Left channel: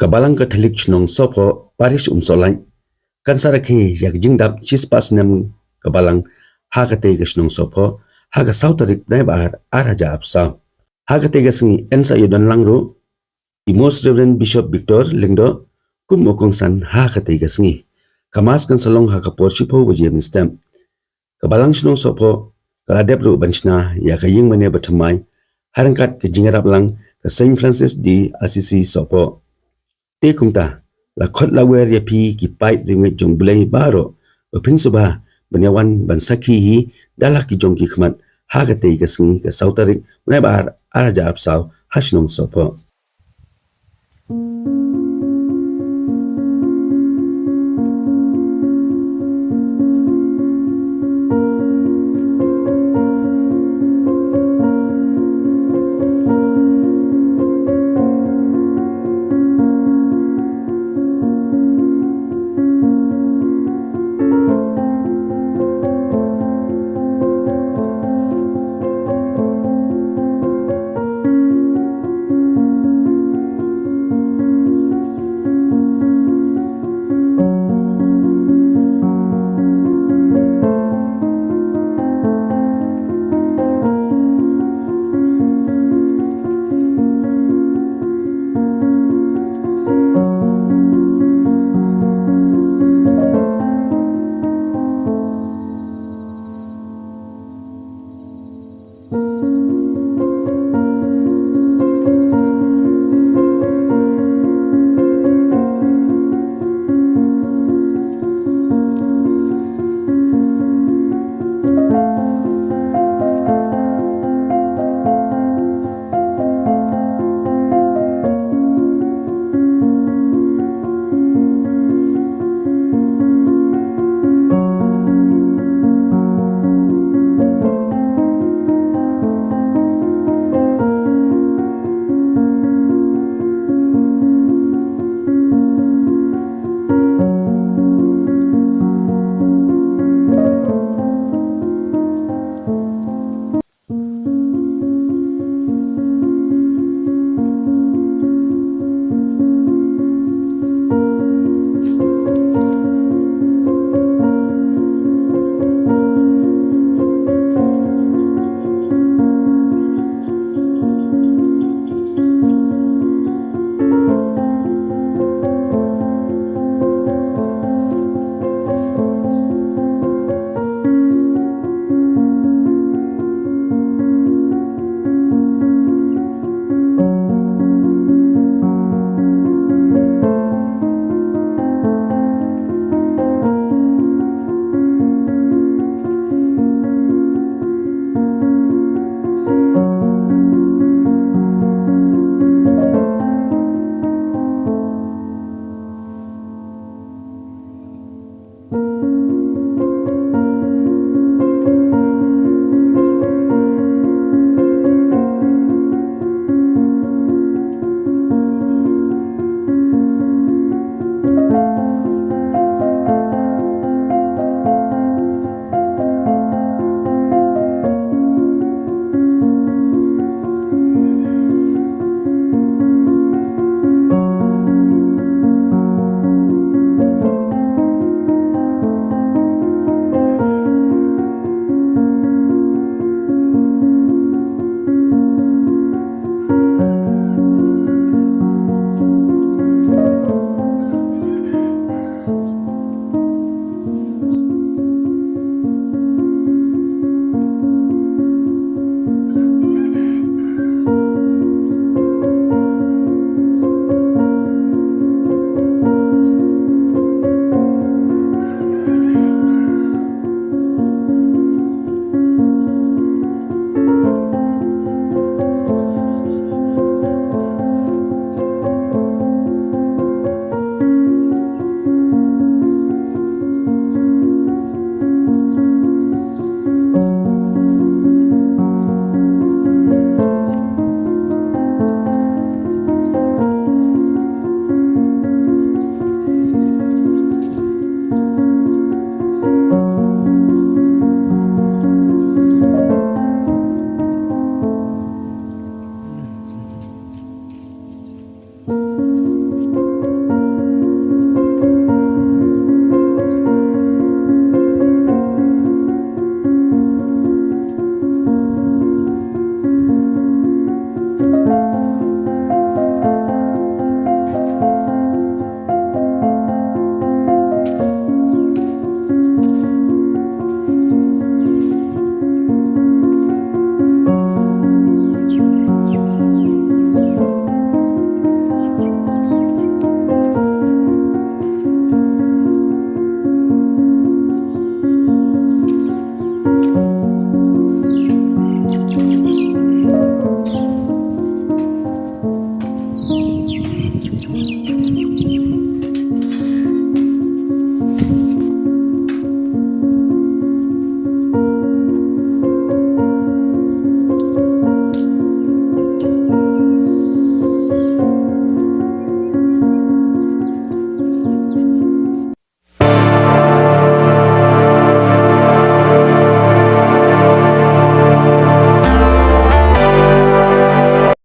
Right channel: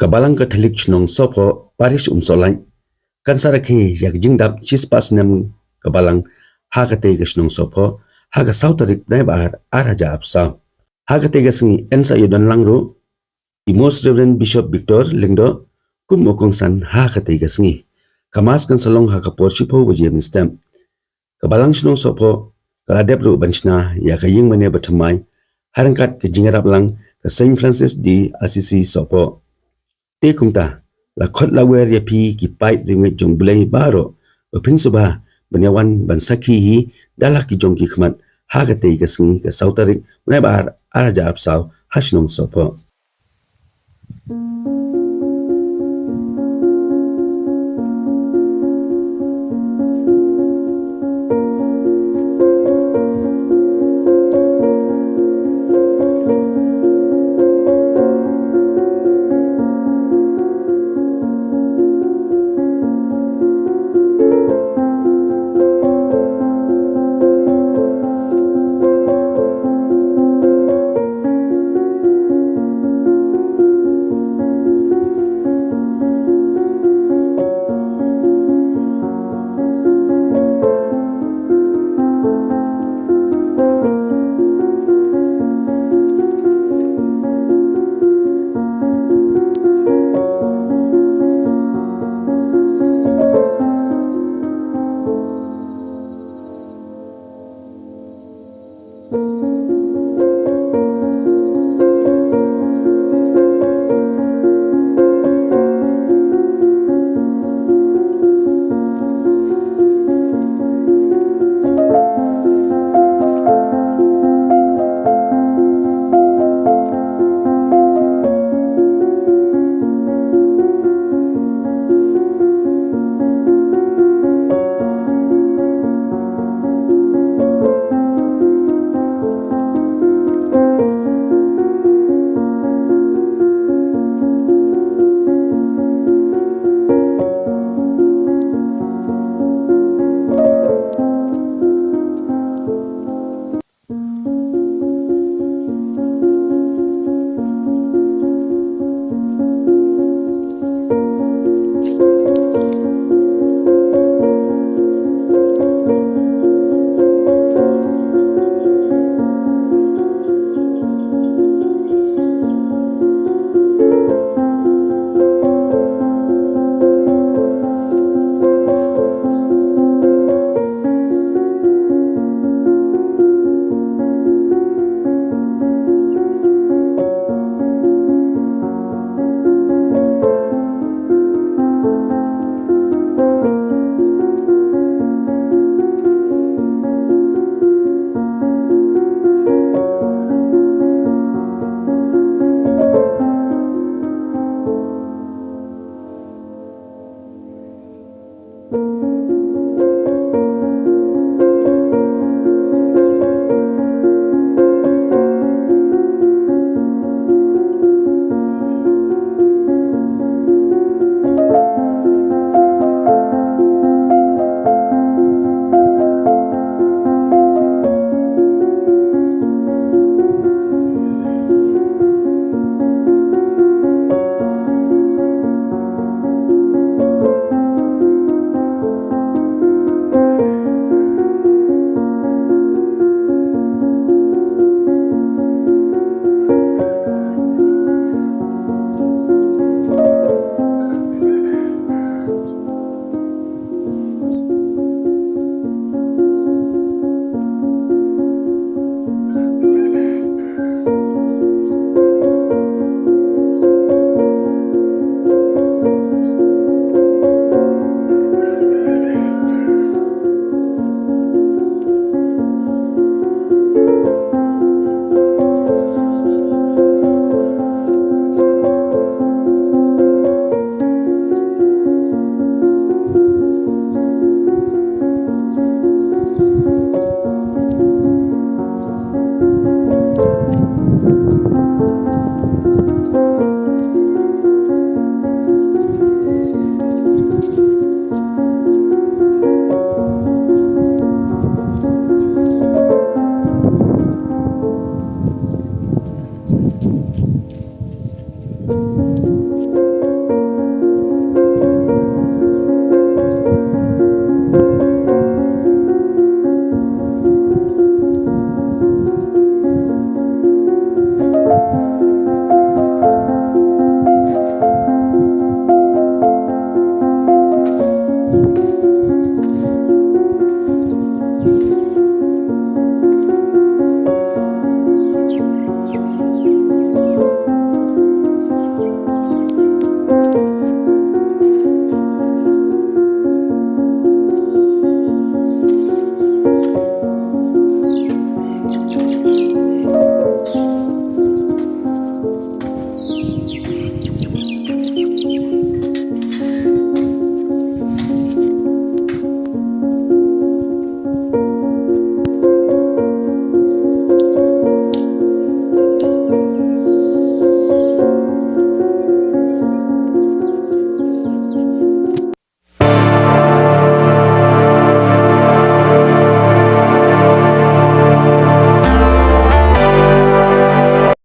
Kabalang Catholic chnong sopo parish umsolan kansarake yak jingdap chispas nem kabalang hakate gashnong sopo haga sautarik naibar araja apsa hakate gasngi ensa yudan langro Most Reverend Bishop Victor Lingdo kumokong san hakate gasngi kamas kansalong hakapor shipo wajem stem kabalang shnong sopo kaladebru banchna yakaying mane batamai harangkat ke jingarap lang ke Saint Francis di Assisi sopo te kumta la khot la wer ya phi ki pipe ringe jong bulai baro opin suba banyawan bansaki hi dalak ki jong ki khmat ha ga te gasngi ka sautarik ne bar araja apsaw hashnong sopo